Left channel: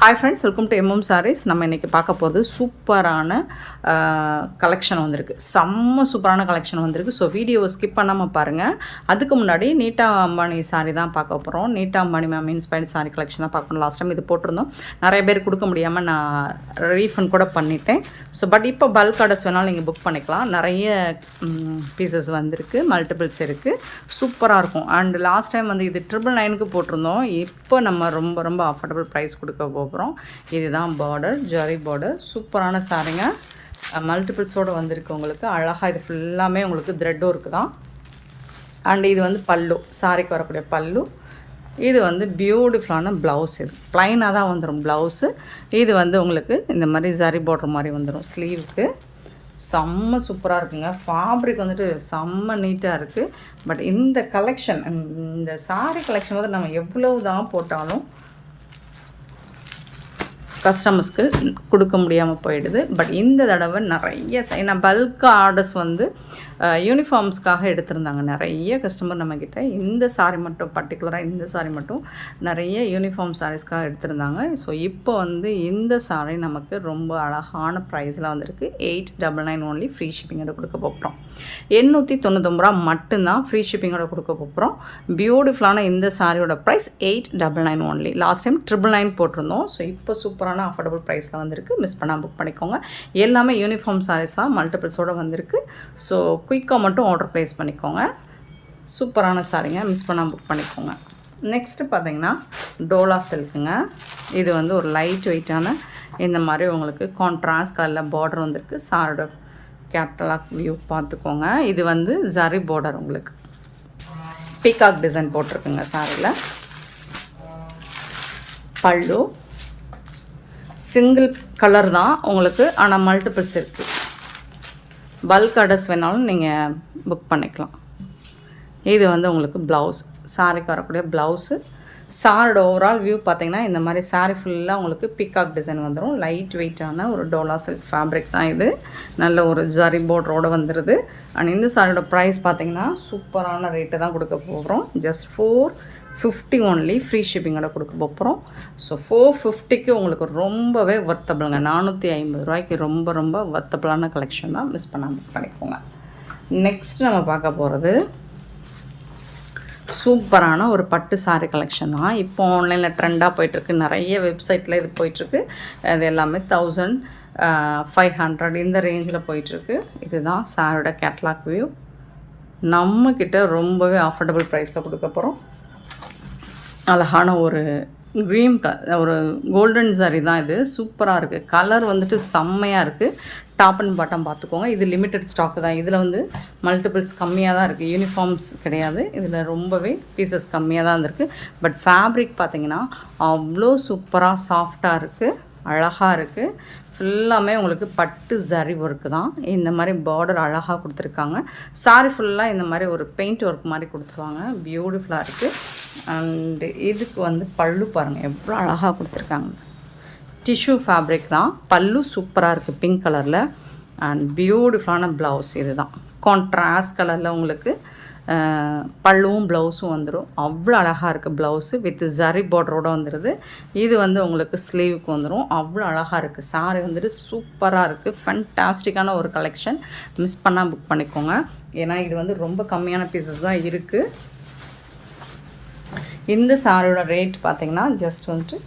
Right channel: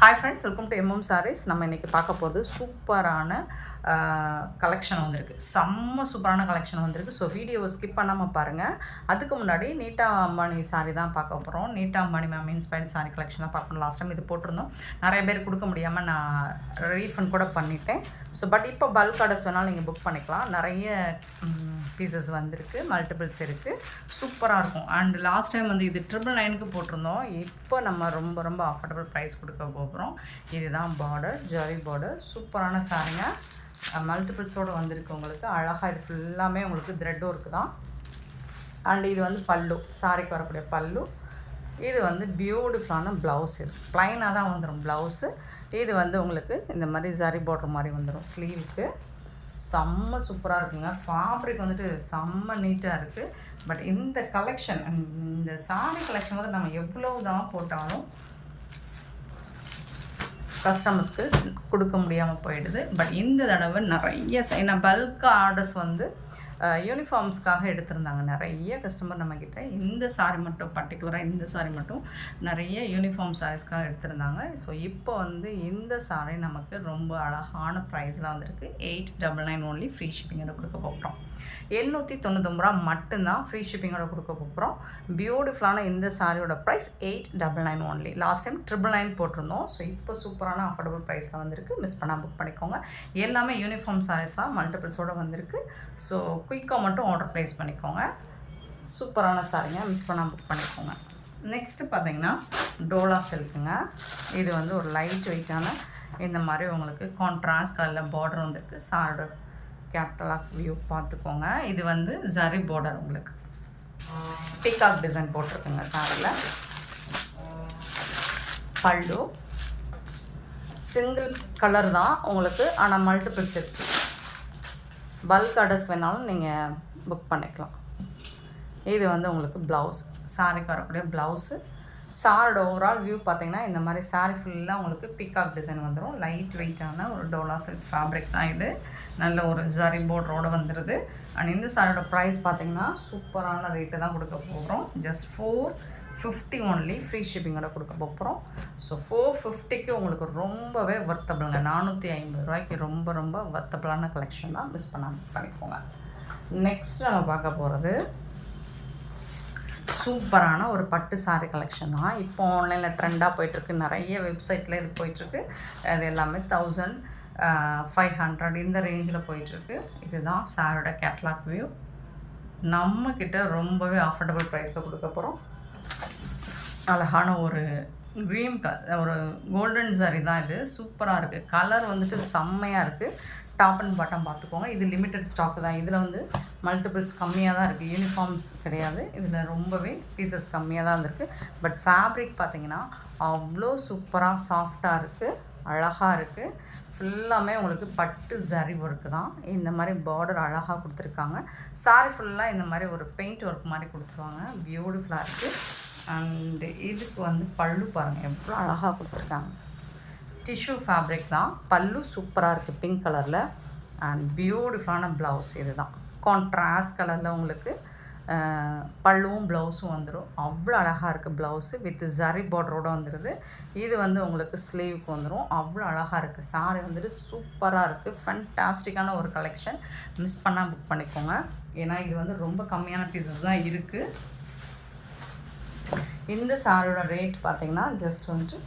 Hi friends, welcome to MM sarees. நம்ம இன்றைக்கி பார்க்க போகிறது சூப்பரான கலெக்ஷன் வந்திருக்கு. செம்ம சூப்பரான கலெக்ஷன் வந்திருக்கு. ஸோ வீடியோவை ஸ்கிப் பண்ணாமல் பாருங்கள். அதுக்கு முன்னாடி நீட்டா அம்பானி சாரீ தான் பார்க்க போகிறோம். நீட்டா Ambani ma'am inspired sari collection தான் பார்க்கணும். லாஸ்ட் டைம் இது போட்டிருந்தோம், நிறைய பேர் கொடுக்க முடியாமல் நான் ரீஃபண்ட் கூட பண்ணிட்டேன். ஸோ பட் இப்போ பல்க் ஆர்டர்ஸ் வேணாலும் நீங்கள் புக் பண்ணிக்கலாம். நிறைய பீசஸ் வந்திருக்கு, மல்டிபிள்ஸ் இருக்குது, சூப்பராக இருக்கும். அண்ட் லாஸ்ட் டைம் வந்து இது 999க்கு போட்டிருந்தோம். இப்போ நம்ம ரொம்ப ரொம்ப அஃபோர்டபுள் ப்ரைஸ் கொடுக்க போகிறோம். இதுதான் பார்டர், ஜரி பார்டர், சூப்பரான சாரீங்க. மல்டிபிள்ஸோடு வந்திருக்கு உங்களுக்கு. அழகாக இது ஃபுல்லாமே உங்களுக்கு த்ரெட் ஒர்க்கு தான். அண்ட் இது வந்து பல்லு, சாரிக்கு வரக்கூடிய பல்லு. இது வந்து பியூட்டிஃபுல்லான ப்ளவுஸ். இது ப்ளைனாக தான் வந்துடும் ப்ளவுஸு. இது வந்து உங்களுக்கு இந்த மாதிரி ஜரி பார்டர் மாதிரி வந்துடும் ஸ்லீவுக்கு. செம்ம சூப்பராக இருக்குங்க. ஃபேப்ரிக் வந்துட்டு செம்ம நீட்டாக இருக்குது. பட் இந்த கலெக்ஷன், இந்த சாரீ கலெக்ஷன் வந்து நம்ம எவ்வளவு தான் போட்டாலும் கஸ்டமர்ஸ்க்கு கொடுக்க முடியாமல் போயிடுது. பட் இந்த தடவை நிறைய ஏன்னா பல்க் ஆர்டர்ஸ் வந்து யூனிஃபார்ம்ஸ்க்காக எடுத்திருந்தாங்க நிறைய கஸ்டமர் நம்மக்கிட்ட. இந்த சாரீ மட்டும் பர்டிகுலராக இந்த சாரீ மட்டும் நிறைய யூனிஃபார்ம் சாரீஸ்க்காக எடுத்திருந்தாங்க. ஸோ இப்போ வந்து இந்த சாரீ நமக்கு ரொம்ப அழகான ப்ரைஸில் வந்திருக்கு. 899 ஓன்லி, ஃப்ரீ ஷிப்பிங்கோட கொடுக்க போகிறோம். 899 ரூபா மட்டும்தான் ஃப்ரீ ஷிப்பிங்கோட கொடுக்க போகிறோம். பியூட்டிஃபுல்லான இந்த சாரியோட ப்ரைஸ் 899 ஓன்லி. லாஸ்ட் டைம் 999 போட்டிருந்தோம். ஸோ இப்போ சூப்பரான அஃபோர்டபுள் ப்ரைஸில் வந்திருக்கு. மிஸ் பண்ணால் புக் பண்ணிக்கோங்க. எல்லாமே யூனிஃபார்ம் சாரீஸ் தான், மல்டிபிள்ஸோடு வந்திருக்கு. ஸோ குயிக்காக மட்டும் ஆர்டர் ப்ளேஸ் பண்ணிக்கோங்க. சூப்பரான சாரீங்க, மிஸ் பண்ணால் புக் பண்ணிக்கோங்க. நெக்ஸ்ட்டு பார்த்தீங்கன்னா டோலா சில்க்குங்க. இது வந்து ஒரு லைட் வெயிட்டான இந்த மாதிரி உங்களுக்கு கான்ட்ராஸ்ட் கலரில் பார்டர் வந்திருக்கு. சாரோட கேப்டலாக் வியூ பார்த்துக்கோங்க. இது வந்து ஜரி பார்டர், உங்களுக்கு பீகாக் டிசைன் போட்டிருக்குங்க சாரியில். பல்லு சிங்கிள் கலர் தான் உங்களுக்கு, ஆனால் மல்டிபிள்ஸ் இருக்குது. பல்க் ஆர்டர்ஸ் வேணாலும் நீங்கள் புக் பண்ணிக்கலாம். இது வந்து உங்களுக்கு ப்ளவுஸ், சாரிக்கு வரக்கூடிய ப்ளவுஸு. சாரோட ஓவரால் வியூ பார்த்திங்கன்னா இந்த மாதிரி சாரீ ஃபுல்லாக உங்களுக்கு பீகாக் டிசைன் வந்துடும். லைட் வெயிட்டான ஒரு டோலா சில்க் ஃபேப்ரிக் தான் இது. நல்ல ஒரு ஜரி பார்டரோடு வந்துடுது. அண்ட் இந்த சாரியோட ப்ரைஸ் பார்த்திங்கன்னா சூப்பரான ரேட்டு தான் கொடுக்க போகிறோம். ஜஸ்ட் 450 ஓன்லி, ஃப்ரீ ஷிப்பிங்கோட கொடுக்க போகிறோம். ஸோ 450க்கு உங்களுக்கு ரொம்பவே வர்த்தபிளுங்க. 450 ரூபாய்க்கு ரொம்ப ரொம்ப வர்த்தபிளான கலெக்ஷன் தான். மிஸ் பண்ணாமல் பண்ணிக்கோங்க. நெக்ஸ்ட் நம்ம பார்க்க போகிறது சூப்பரான ஒரு பட்டு சாரீ கலெக்ஷன் தான். இப்போ ஆன்லைனில் ட்ரெண்டாக போயிட்டுருக்கு. நிறைய வெப்சைட்டில் இது போயிட்டுருக்கு. அது எல்லாமே 1500 இந்த ரேஞ்சில் போயிட்டுருக்கு. இதுதான் சாரோட கேட்லாக் வியூ. நம்மக்கிட்ட ரொம்பவே அஃபோர்டபுள் ப்ரைஸில் கொடுக்க போகிறோம். அழகான ஒரு க்ரீன் ஒரு கோல்டன் சாரீ தான் இது. சூப்பராக இருக்குது. கலர் வந்துட்டு செம்மையாக இருக்குது. டாப் அண்ட் பாட்டம் பார்த்துக்கோங்க. இது லிமிட்டட் ஸ்டாக்கு தான். இதில் வந்து மல்டிபிள்ஸ் கம்மியாக தான் இருக்குது, யூனிஃபார்ம்ஸ் கிடையாது. இதில் ரொம்பவே பீசஸ் கம்மியாக தான் இருந்திருக்கு. பட் ஃபேப்ரிக் பார்த்திங்கன்னா அவ்வளோ சூப்பராக சாஃப்டாக இருக்குது, அழகாக இருக்குது. ஃபுல்லாமே உங்களுக்கு பட்டு ஜரி ஒர்க்கு தான். இந்த மாதிரி பார்டர் அழகாக கொடுத்துருக்காங்க. சாரி ஃபுல்லாக இந்த மாதிரி ஒரு பெயிண்ட் ஒர்க் மாதிரி கொடுத்துருவாங்க. பியூட்டிஃபுல்லாக இருக்குது. அண்டு இதுக்கு வந்து பல்லு பாருங்கள் எவ்வளோ அழகாக கொடுத்துருக்காங்க. டிஷ்யூ ஃபேப்ரிக் தான். பல்லு சூப்பராக இருக்குது, பிங்க் கலரில். அண்ட் பியூட்டிஃபுல்லான ப்ளவுஸ். இது தான் கான்ட்ராஸ்ட் கலரில் உங்களுக்கு பல்லுவும் ப்ளவுஸும் வந்துடும். அவ்வளோ அழகாக இருக்குது ப்ளவுஸு. வித் ஜரி பார்டரோடு வந்துடுது. இது வந்து உங்களுக்கு ஸ்லீவுக்கு வந்துடும். அவ்வளோ அழகாக இருக்குது. சாரி வந்துட்டு சூப்பராக இருக்குது. ஃபேன்டாஸ்டிக்கான ஒரு கலெக்ஷன். மிஸ் பண்ணால் புக் பண்ணிக்கோங்க. ஏன்னா இது வந்து ரொம்ப கம்மியான பீசஸ் தான் இருக்குது. இந்த சாரியோட ரேட் பார்த்திங்கன்னா ஜஸ்ட் வந்துட்டு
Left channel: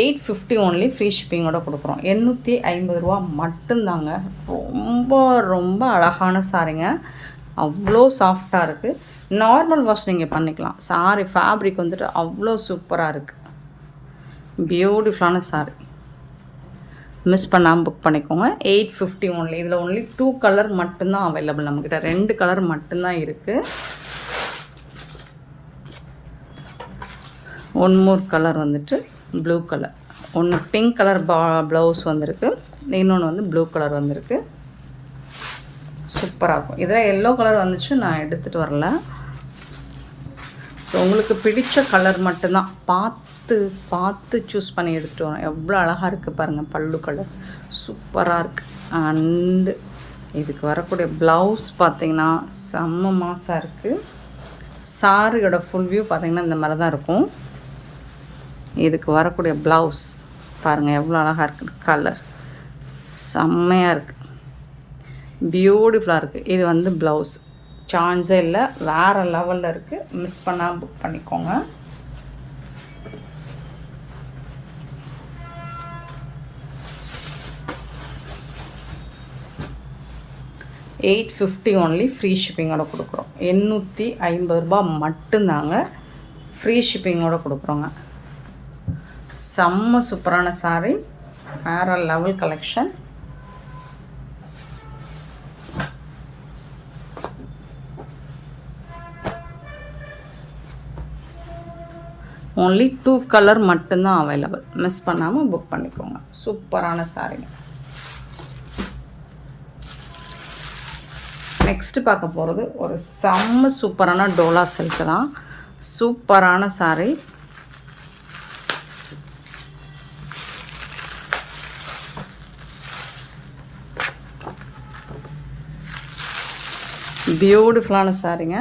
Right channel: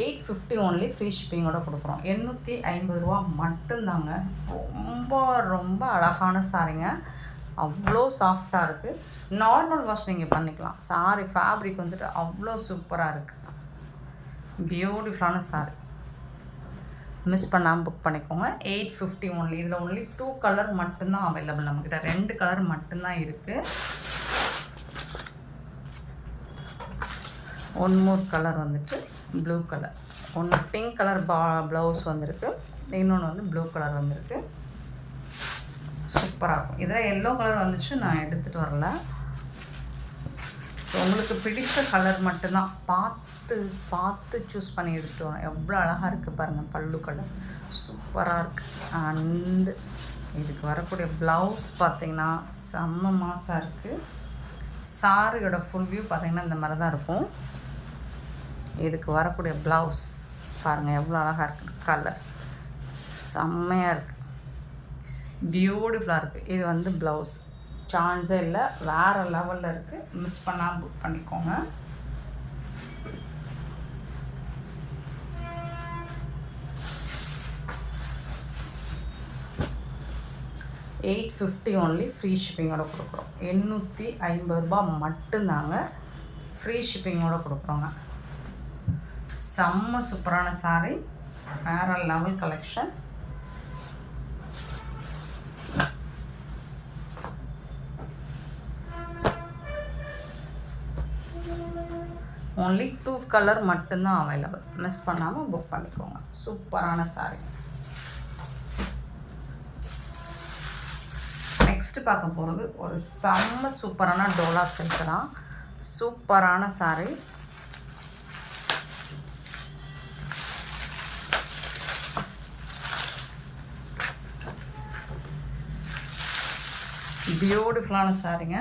850 ஓன்லி, ஃப்ரீ ஷிப்பிங்கோட கொடுக்குறோம். 850 ரூபா மட்டும்தாங்க. ரொம்ப ரொம்ப அழகான சாரிங்க. அவ்வளோ சாஃப்டாக இருக்குது. நார்மல் வாஷ் நீங்கள் பண்ணிக்கலாம். சாரி ஃபேப்ரிக் வந்துட்டு அவ்வளோ சூப்பராக இருக்குது. பியூட்டிஃபுல்லான சாரி. மிஸ் பண்ணாமல் புக் பண்ணிக்கோங்க. 850 ஓன்லி. இதில் ஓன்லி 2 கலர் மட்டும்தான் அவைலபிள். நம்மக்கிட்ட 2 கலர் மட்டும்தான் இருக்குது. ஒன் மோர் கலர் வந்துட்டு ப்ளூ கலர். ஒன்று பிங்க் கலர் ப்ளவுஸ் வந்திருக்கு, இன்னொன்று வந்து ப்ளூ கலர் வந்திருக்கு. சூப்பராக இருக்கும். இதில் எல்லோ கலர் வந்துச்சு, நான் எடுத்துகிட்டு வரல. ஸோ உங்களுக்கு பிடிச்ச கலர் மட்டும்தான் பார்த்து பார்த்து சூஸ் பண்ணி எடுத்துகிட்டு வரோம். எவ்வளோ அழகாக இருக்குது பாருங்கள். பல்லு கலர் சூப்பராக இருக்குது. அண்டு இதுக்கு வரக்கூடிய ப்ளவுஸ் பார்த்திங்கன்னா செம்ம மாசாக இருக்குது. சாரியோட ஃபுல் வியூ பார்த்திங்கன்னா இந்த மாதிரி தான் இருக்கும். இதுக்கு வரக்கூடிய ப்ளவுஸ் பாருங்கள் எவ்வளோ அழகாக இருக்குது. கலர் செம்மையாக இருக்குது, பியூட்டிஃபுல்லாக இருக்குது. இது வந்து ப்ளவுஸ், சான்ஸே இல்லை, வேறு லெவலில் இருக்குது. மிஸ் பண்ணால் புக் பண்ணிக்கோங்க. $850 ஒன்லி, ஃப்ரீ ஷிப்பிங்கோட கொடுக்குறோம். $850 மட்டும்தாங்க, ஃப்ரீ ஷிப்பிங்கோட கொடுக்குறோங்க. செம்ம சூப்பரான சாரீ, வேறு லெவல் கலெக்ஷன். ஓன்லி 2 கலர் மட்டும்தான் அவைலபிள். மிஸ் பண்ணாமல் புக் பண்ணிக்கோங்க. சூப்பரான சாரீங்க. நெக்ஸ்ட்டு பார்க்க போகிறது ஒரு செம்ம சூப்பரான டோலா சில்க் தான். சூப்பரான சாரீ. பியூட்டிஃபுல்லான சாரீங்க,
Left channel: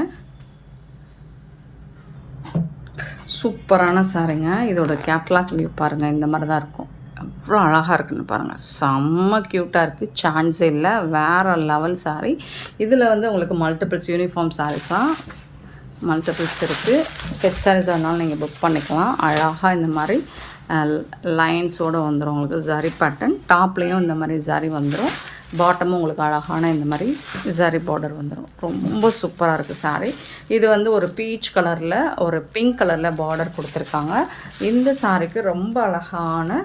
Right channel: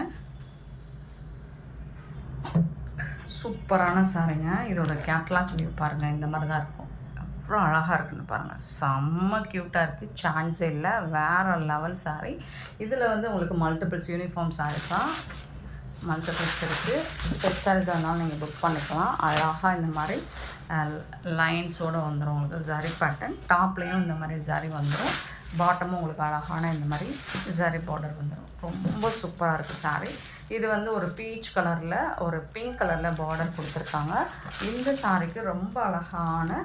சூப்பரான சாரீங்க. இதோட கேட்லாக் வியூ பாருங்கள், இந்த மாதிரி தான் இருக்கும். எவ்வளோ அழகாக இருக்குன்னு பாருங்கள், செம்ம க்யூட்டாக இருக்குது, சான்ஸே இல்லை, வேறு லெவல் சாரீ. இதில் வந்து உங்களுக்கு மல்டிபிள்ஸ் யூனிஃபார்ம் சாரீஸ் தான் மல்டிபிள்ஸ் இருக்குது. செட் சாரீஸ் வேணாலும் நீங்கள் புக் பண்ணிக்கலாம். அழகாக இந்த மாதிரி லைன்ஸோடு வந்துடும் உங்களுக்கு ஜரி பேட்டர்ன். டாப்லேயும் இந்த மாதிரி ஜரி வந்துடும், பாட்டமும் உங்களுக்கு அழகான இந்த மாதிரி ஜரி பார்டர் வந்துடும். ரொம்ப சூப்பராக இருக்குது சாரீ. இது வந்து ஒரு பீச் கலரில் ஒரு பிங்க் கலரில் பார்டர் கொடுத்துருக்காங்க. இந்த சாரீக்கு ரொம்ப அழகான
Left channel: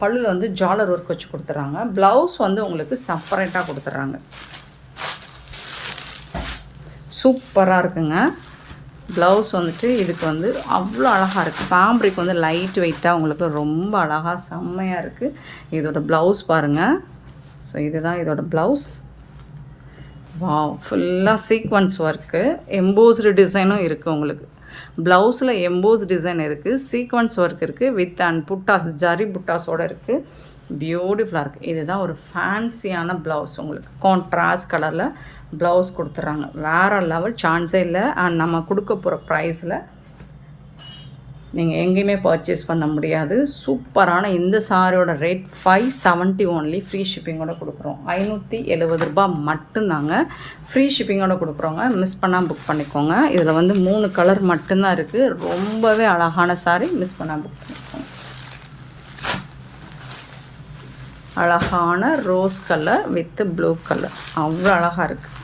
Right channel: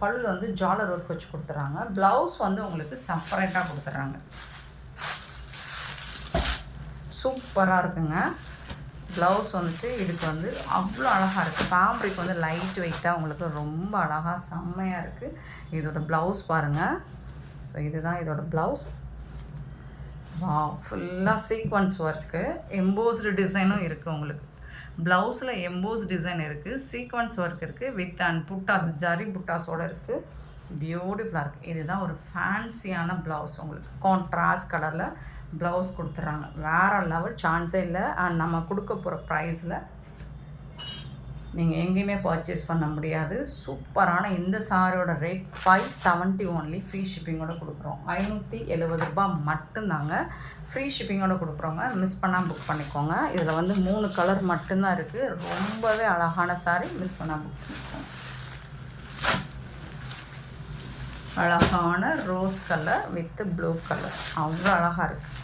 பல்லில் வந்து ஜாலர் ஒர்க் வச்சு கொடுத்துட்றாங்க. ப்ளவுஸ் வந்து உங்களுக்கு செப்பரேட்டாக கொடுத்துட்றாங்க. சூப்பராக இருக்குங்க. ப்ளவுஸ் வந்துட்டு இதுக்கு வந்து அவ்வளோ அழகாக இருக்குது. ஃபேப்ரிக் வந்து லைட் வெயிட்டாக உங்களுக்கு ரொம்ப அழகாக செம்மையாக இருக்குது. இதோட ப்ளவுஸ் பாருங்கள். ஸோ இதுதான் இதோட ப்ளவுஸ். வாவ், ஃபுல்லாக சீக்வன்ஸ் ஒர்க்கு, எம்போஸ்டு டிசைனும் இருக்குது உங்களுக்கு. ப்ளவுஸில் எம்போஸ் டிசைன் இருக்குது, சீக்வன்ஸ் ஒர்க் இருக்குது, வித் அண்ட் புட்டாஸ், ஜரி புட்டாஸோடு இருக்குது. பியூட்டிஃபுல்லாக இருக்குது. இதுதான் ஒரு ஃபேன்சியான ப்ளவுஸ். உங்களுக்கு கான்ட்ராஸ்ட் கலரில் ப்ளவுஸ் கொடுத்துட்றாங்க. வேறு லெவல், சான்ஸே இல்லை. அண்ட் நம்ம கொடுக்க போகிற ப்ரைஸில் நீங்கள் எங்கேயுமே பர்ச்சேஸ் பண்ண முடியாது. சூப்பரான இந்த சாரியோட ரேட் $570 ஒன்லி, ஃப்ரீ ஷிப்பிங்கோட கொடுக்குறோம். $570 மட்டும்தாங்க, ஃப்ரீ ஷிப்பிங்கோட கொடுக்குறோங்க. மிஸ் பண்ணால் புக் பண்ணிக்கோங்க. இதில் வந்து 3 கலர் மட்டும்தான் இருக்குது. ரொம்பவே அழகான சாரி, மிஸ் பண்ணால் புக் பண்ணிக்கோங்க. அழகான rose colour with blue colour, அவ்வளோ அழகாக இருக்குது.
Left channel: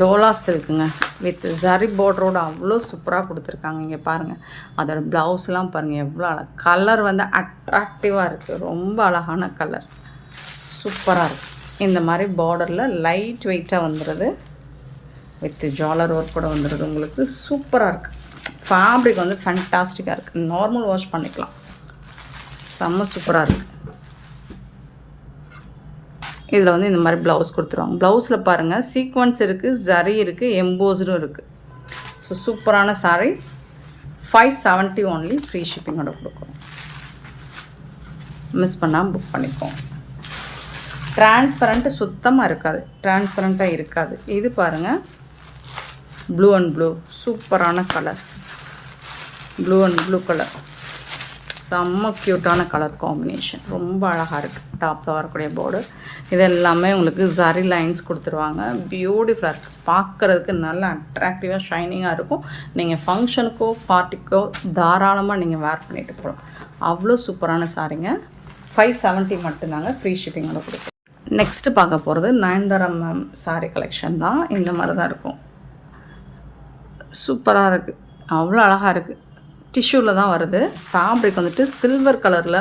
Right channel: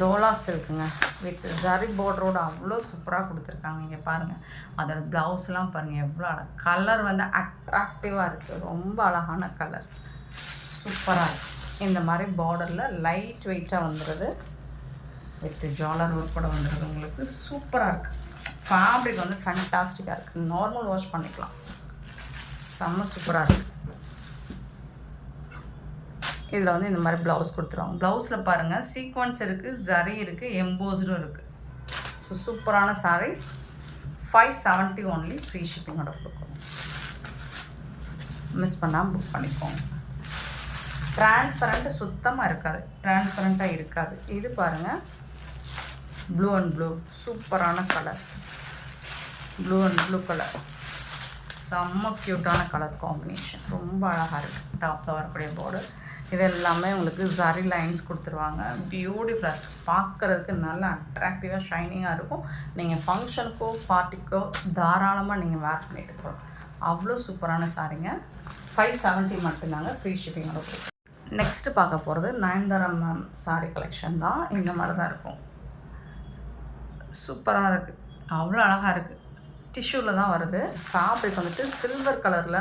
டோலா சில்க்குங்க, வித் ஜரி பார்டரோட அவ்வளோ சூப்பராக கொடுத்துருக்காங்க. இங்கே பாருங்கள், அதோட ப்ளவுஸ்லாம் பாருங்கள் எவ்வளோ அழகாக. கலர் வந்து அட்ராக்டிவாக இருக்குது, ரொம்ப அழகான கலர், சூப்பராக இருக்குது. இந்த மாதிரி பார்டரில் லைட் வெயிட்டாக வந்துடுது, வித் ஜாலர் ஒர்க் கூட வந்துடுது உங்களுக்கு. சூப்பராக இருக்குது. ஃபேப்ரிக் வந்து ஃபேன்டாஸ்டிக்காக இருக்குது. நார்மல் வாஷ் பண்ணிக்கலாம், செம்ம சூப்பராக இருக்குது. இதில் வந்து இந்த மாதிரி ப்ளவுஸ் கொடுத்துருவாங்க. ப்ளவுஸில் பாருங்கள் சீக்வன்ஸ் இருக்குது, ஜரி இருக்குது, எம்போஸ்டும் இருக்குது. ஸோ சூப்பரான சாரீ. $570 ஒன்லி, ஃப்ரீ ஷிப்பிங்கோட கொடுக்குறோம். மிஸ் பண்ணால் புக் பண்ணிப்போம். டிரான்ஸ்பரண்ட்டு சுத்தமாக இருக்காது, டிரான்ஸ்பரண்ட்டாக இருக்காது. இது பாருங்கள், ப்ளூ அண்ட் ப்ளூ, சூப்பரான colour, blue and blue colour, செம்ம க்யூட்டான கலர் காம்பினேஷன், ரொம்ப அழகாக இருக்குது. டாப்பில் வரக்கூடிய பார்டர் இது எல்லாமே உங்களுக்கு ஜரி லைன்ஸ் கொடுத்துருவாங்க. பியூட்டிஃபுல்லாக இருக்குது, பார்க்குறதுக்கு நல்லா அட்ராக்டிவாக ஷைனிங்காக இருக்கும். நீங்கள் ஃபங்க்ஷனுக்கோ பார்ட்டிக்கோ தாராளமாக நீங்கள் வேர் பண்ணிட்டு போகலாம். அவ்வளோ சூப்பரான சாரீங்க. $570 மட்டும்தாங்க, ஃப்ரீ ஷிப்பிங்கோட கொடுக்கும். நெக்ஸ்ட்டு பார்க்க போகிறது நயன்தாரா மேம் சாரீ கலெக்ஷன் தான். இந்த மாதிரி தான் இருக்கும். சூப்பராக இருக்குது, அவ்வளோ அழகாக இருக்குது. டிஷ்யூவில் தான் வருது. ஃபேப்ரிக் வந்துட்டு சில்வர் கலரில்,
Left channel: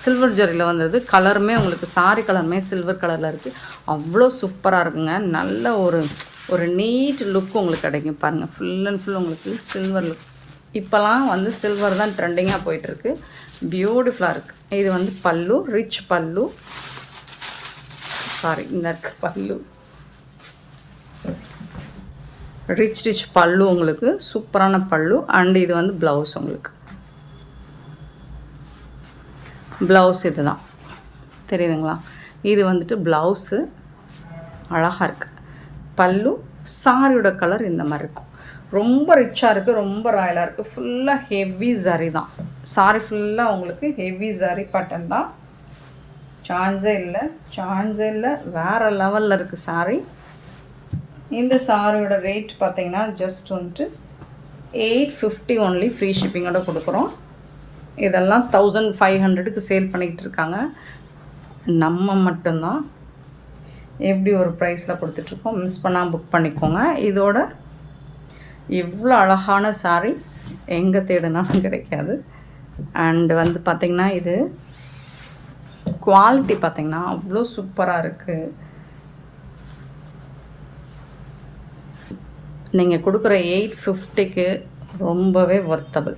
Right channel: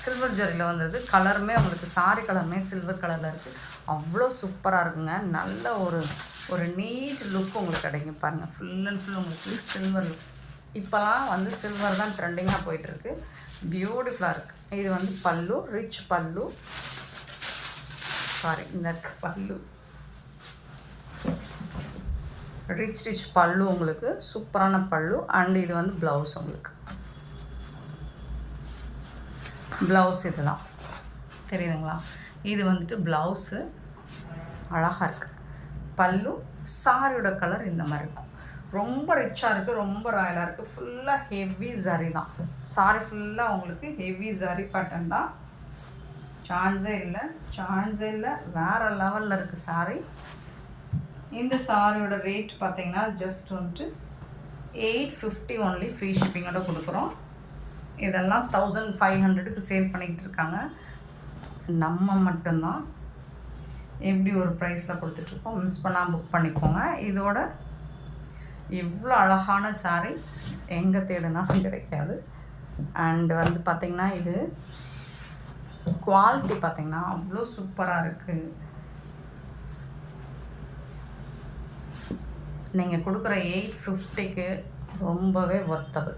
சில்வர் ஜரியில் வந்தது. கலருமே உங்களுக்கு சாரி கலருமே சில்வர் கலரில் இருக்குது. அவ்வளோ சூப்பராக இருக்குங்க. நல்ல ஒரு நீட் லுக் உங்களுக்கு கிடைக்கும். பாருங்கள், ஃபுல் அண்ட் ஃபுல் உங்களுக்கு சில்வர் லுக். இப்போலாம் வந்து சில்வர் தான் ட்ரெண்டிங்காக போயிட்டுருக்கு. பியூட்டிஃபுல்லாக இருக்குது. இது வந்து பல்லு, ரிச் பல்லு, சாரி இந்த இருக்கு பல்லு, ரிச் பல்லு உங்களுக்கு, சூப்பரான பல்லு. அண்ட் இது வந்து ப்ளவுஸ் உங்களுக்கு. ப்ளவுஸ் இது தான் தெரியுதுங்களா? இது வந்துட்டு ப்ளவுஸு அழகாக இருக்குது. பல்லு, சாரியோட கலர் இந்த மாதிரி இருக்கும். ரொம்ப ரிச்சாக இருக்குது, ரொம்ப ராயலாக இருக்குது. ஃபுல்லாக ஹெவி ஜரி தான். சாரி ஃபுல்லாக உங்களுக்கு ஹெவி ஜரி பட்டன் தான். சான்ஸே இல்லை, வேறு லெவலில் இருக்குது சாரி. இந்த சாரியோட ரேட் பார்த்திங்கன்னா ஜஸ்ட் வந்துட்டு 850 ஒன்லி, ஃப்ரீ ஷிப்பிங்கோட கொடுக்குறோம். இதெல்லாம் 1500க்கு சேல் பண்ணிக்கிட்டு இருக்காங்க. நம்ம மட்டும்தான் எப்படி ஒரு ப்ரைஸில் கொடுத்துட்ருக்கோம். மிஸ் பண்ணால் புக் பண்ணிக்கோங்க. இதோட இவ்வளோ அழகான சாரி எங்கே தேடினாலும் கிடைக்காது. அண்டு வந்து பார்த்திங்கன்னா இது குவாலிட்டி பார்த்திங்கன்னா அவ்வளோ சூப்பராக இருக்குது. நீங்கள் கொடுக்குற 850க்கு ரொம்பவே ஒர்த்தபிள்.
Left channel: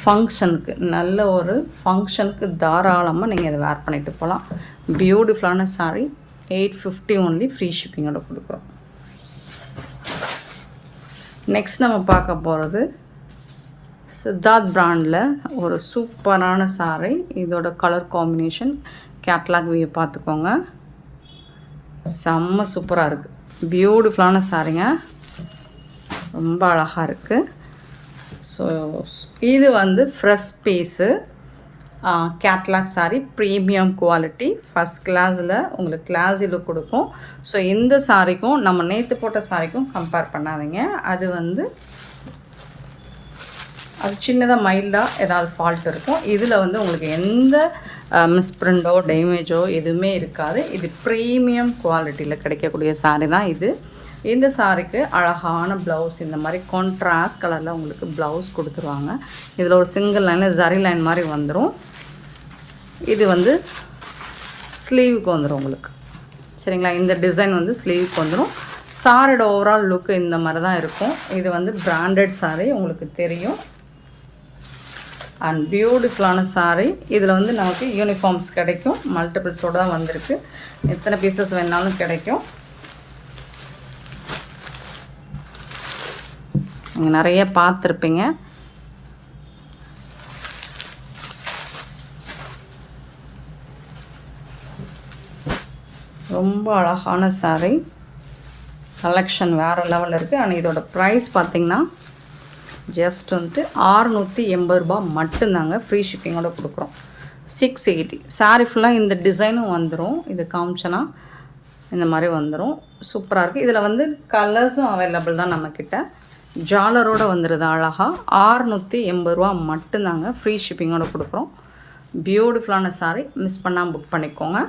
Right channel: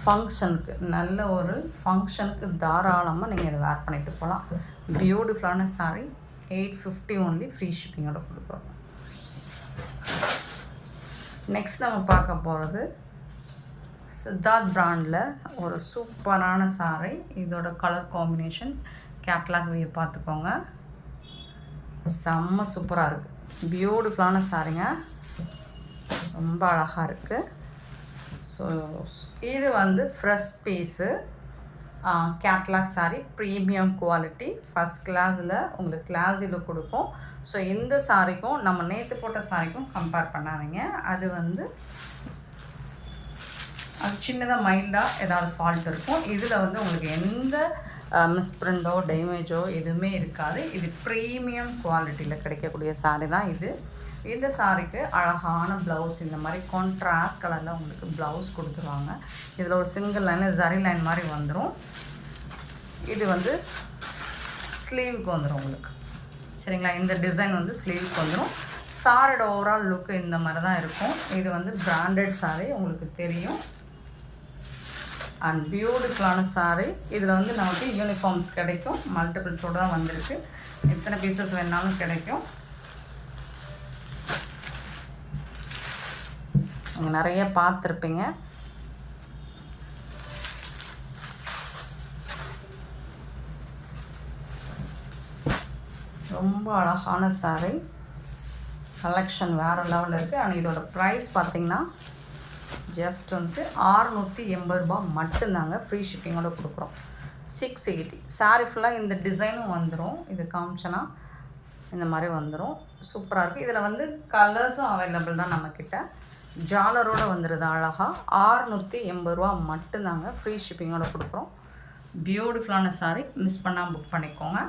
ஃபங்க்ஷனுக்கு நல்ல ஒரு ஃபங்க்ஷனுக்கு தாராளமாக நீங்கள் இதை வேர் பண்ணிட்டு போகலாம். பியூட்டிஃபுல்லான சாரீ 850 ஒன்லி, ஃப்ரீ ஷிப்பிங்கோட கொடுக்குறோம். நெக்ஸ்ட் நம்ம பார்க்க போகிறது சித்தார்த் பிராண்டில் ஒரு சூப்பரான சாரீ. இதோட கலர் காம்பினேஷன் கேட்லாக் வியூ பார்த்துக்கோங்க. செம்ம சூப்பராக இருக்குது. பியூட்டிஃபுல்லான சாரீங்க, ரொம்ப அழகாக இருக்குது. ஸோ இது வந்து fresh piece catalogue saree, premium quality, first கிளாஸில் உங்களுக்கு கிளாஸி லுக் கொடுக்கும். ஸோ இந்த சாரிக்கும் நம்ம நேற்று போட்ட சாரிக்கும் கம்பேர் பண்ணாதீங்க. அது வந்து அது சின்னதாக மைல்டாக ஏதாவது ஃபால்ட் இருக்கும். இதில் வந்து உங்களுக்கு எந்த மிஸ்பிரிண்டோ டேமேஜோ எதுவுமே இருக்காது. இது ப்ரீமியம் குவாலிட்டியில் கிடைக்கக்கூடிய சாரீ தான் இது. இந்த சாரிக்கு அழகான ப்ளவுஸ், இந்த மாதிரி கான்ட்ராஸ்ட் கலரில் உங்களுக்கு ப்ளவுஸ் கொடுத்துருவாங்க. இதில் ஒரு சிங்கிள் லைனில் ஜரி லைன் மாதிரி வந்துடும். இது வந்து ஸ்லீவுக்கு வந்துடும் உங்களுக்கு, சரிங்களா? இந்த டிசைன் வந்து ஸ்லீவுக்கு வந்துடும். சாரியோட ஓவரால் லுக்கு இந்த மாதிரி தான் இருக்கும். இது வந்து பிராண்டட் சாரீ, உங்களுக்கு தெரியும். அண்ட் பியூட்டிஃபுல்லான சாரீ. இதில் வந்து நமக்கு யூனிஃபார்ம்ஸ் கிடைக்கும். மல்டிபிள்ஸோடு தான் வந்திருக்கு. எத்தனை பீசஸ் வேணாலும் கிடைக்கும். நீங்கள் நிறைய பார்த்துருப்பீங்க. ரொம்ப அழகான சாரீ, கலெக்ஷன் வேறு லெவலில் இருக்குது. ஆனால் இதோட ப்ரைஸ் பார்த்திங்கன்னா ஜஸ்ட் வந்துட்டு 680 ரூபா மட்டும்தாங்க, ஃப்ரீ ஷிப்பிங்கோட கொடுக்குறோம். 680 சாரீ ஃபுல்லாக இந்த டிசைனும் வந்துடும். இது காமிச்சனா இந்த மாதிரி வந்துடும். சூப்பராக இருக்குது. இதில் வந்து கலர்ஸும் அவைலபிள் தான் நம்மக்கிட்ட. ஜாலரோடு வந்துடுது அழகாக. 680 ரூபா மட்டும்தாங்க, ஃப்ரீ ஷிப்பிங்கோட கொடுக்குறோம். பியூட்டிஃபுல்லான சாரீ, மிஸ் பண்ணாமல் புக் பண்ணிக்கோங்க.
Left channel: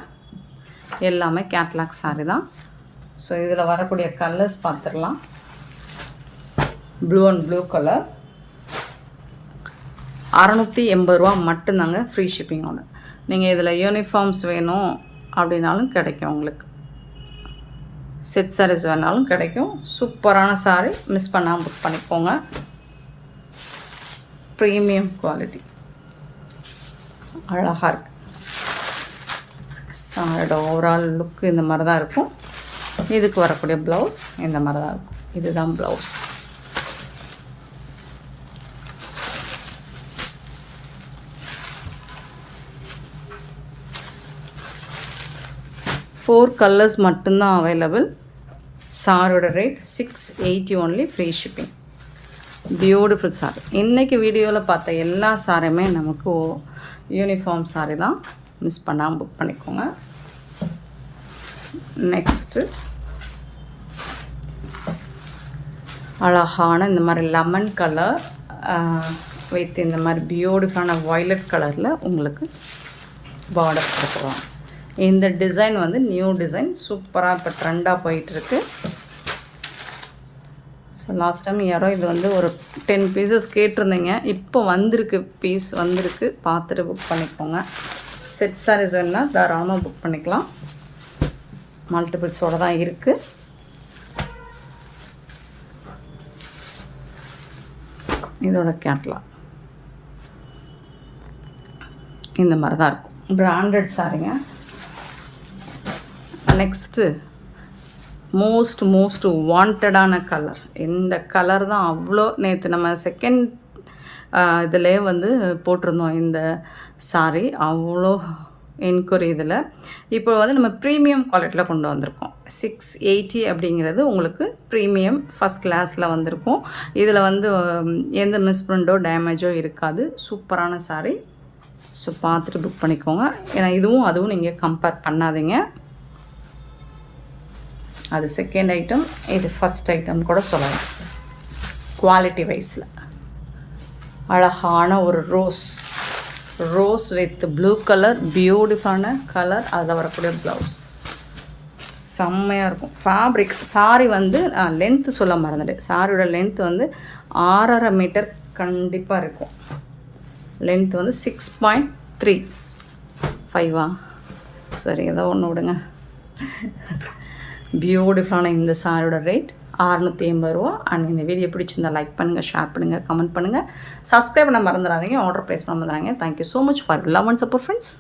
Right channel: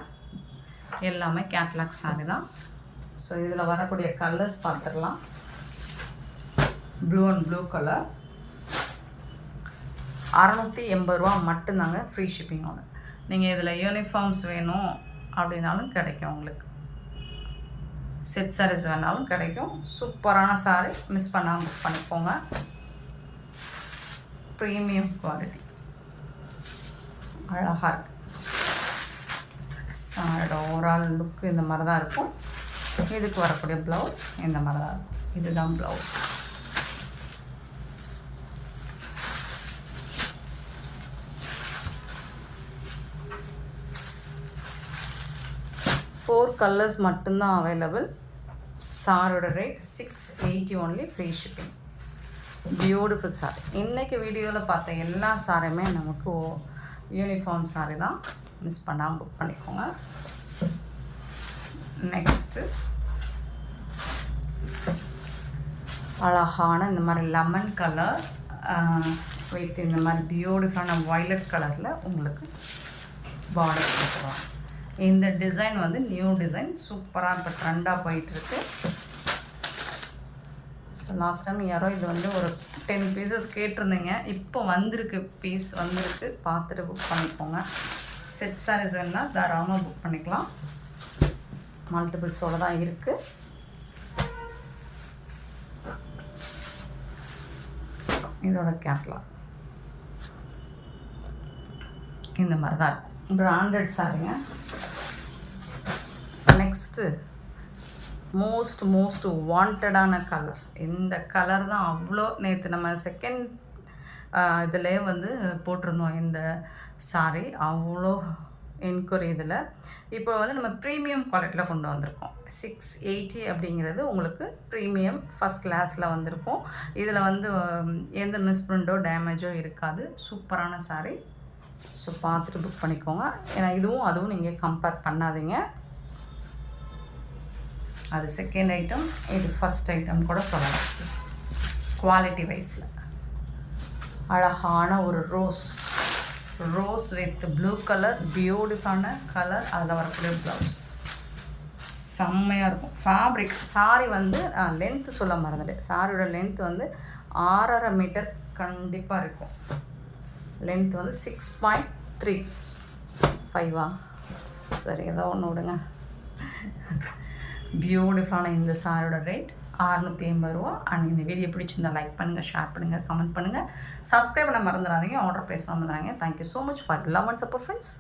எல்லாமே கேட்லாக் சாரீ தான். ஸோ இதில் வரக்கூடிய கலர்ஸ் பார்த்துடலாம். ப்ளூ அண்ட் ப்ளூ கலர் 680 ரூபா மட்டும்தாங்க, ஃப்ரீ ஷிப்பிங்கோட. நீங்கள் இதில் யூனிஃபார்ம்ஸ் வேணும் அப்படின்னாலும் கிடைக்கும். உங்களுக்கு செட் சாரீஸ் வேணாலும் கிடைக்கும். சூப்பரான சாரீ, மிஸ் பண்ணாமல் புக் பண்ணிக்கோங்க. ப்ரீமியம் குவாலிட்டி, அழகாக இருக்குது. சாரியோட ஓவரால் லுக்கு இந்த மாதிரி தான் இருக்கும். இதுக்கு வரக்கூடிய ப்ளவுஸ் இந்த மாதிரி தான் இருக்கும். இதுதான் ப்ளவுஸ். ஃபோர் கலர்ஸ் மட்டும்தான் அவைலபிள். சாரோட rate 680 only, free shipping. Beautiful sorry. இன்றைக்கி வீடியோவில் பார்த்த எல்லா சாரியுமே நமக்கு யூனிஃபார்ம் சாரி தான். மிஸ் பண்ணாமல் புக் பண்ணிக்கோங்க. நெக்ஸ்ட்டு அழகான இந்த மாதிரி லெமன் கலர் வித் இந்த மாதிரி பியூட்டிஃபுல்லான வயலட் கலரில் உங்களுக்கு பார்டர் கொடுக்குறோம். இந்த டிசைன் வந்து நியூ டிசைன், சூப்பராக இப்போ ட்ரெண்டாக போயிட்டுருக்கு. ஸோ லாஸ்ட் டைம் யாரோ இது வந்து ஒரு 10 பீசஸ் கேட்டிருந்தீங்க. இப்போ வந்திருக்கு, பீஸ் வந்திருக்கு. பார்த்துட்டு புக் பண்ணிக்கோங்க. செட் சாரீஸ் வேணால் தாராளமாக புக் பண்ணிக்கலாம். மல்டிபிள்ஸோடு தான் இருக்குது. இதோட கேட்லாக் இந்த மாதிரி தான் இருக்கும். பிராண்டட் சாரீங்க. நெக்ஸ்ட்டு மோஸ்ட் வாண்டடான கலர். இந்த கலர் தான் அவ்வளோ நேற்று நம்ம செகண்ட் இதிலே வந்து போட்டிருந்தோம். இந்த சாரீ அவ்வளோ என்கொயரி இதில். இப்போ வந்து நம்ம ப்ரீமியம் குவாலிட்டியில் கொண்டு வந்திருக்கோம். 680 அப்படிங்கிறது உங்களுக்கு ப்ரீமியம் ஃபஸ்ட் கிளாஸில் வந்திருக்கும். இதில் வந்து எந்த மிஸ்பிரிண்டோ டேமேஜோ இருக்காது. சூப்பரான சாரீ. ஸோ பார்த்துட்டு புக் பண்ணிக்கோங்க. ஏன்னா இதுவும் அதுவும் நீங்கள் கம்பேர் பண்ணாதீங்க. அது செகண்ட் ஐட்டம், இது ஃபஸ்ட் ஐட்டம் கூட சொல்லலாம். குவாலிட்டி வைஸில் அழகான ஒரு ரோஸ் வித் ப்ளூ கலர், பியூட்டிஃபுல்லான கலர். அதில் வரக்கூடிய ப்ளவுஸ் செம்மையாக இருக்கும். ஃபேப்ரிக் சாரி வந்து லென்த்து சொல்ல மறந்துட்டேன். சாரியோட லென்த்து வந்து 6.5 மீட்டர் கண்டிப்பாக இருக்கும். லென்த் வந்து 6.35 சரி, ஏதோ ஒன்று விடுங்க. பியூட்டிஃபுல்லான இந்த சாரியோட ரேட் 680 ரூபா. அண்ட் இந்த வீடியோ பிடிச்சிருந்தால் லைக் பண்ணுங்கள், ஷேர் பண்ணுங்கள், கமெண்ட் பண்ணுங்கள், சப்ஸ்கிரைப் பண்ண மறந்துடாதீங்க, ஆர்டர் ப்ளேஸ் பண்ண மறந்துடாதீங்க. Thank you so much for love and support friends.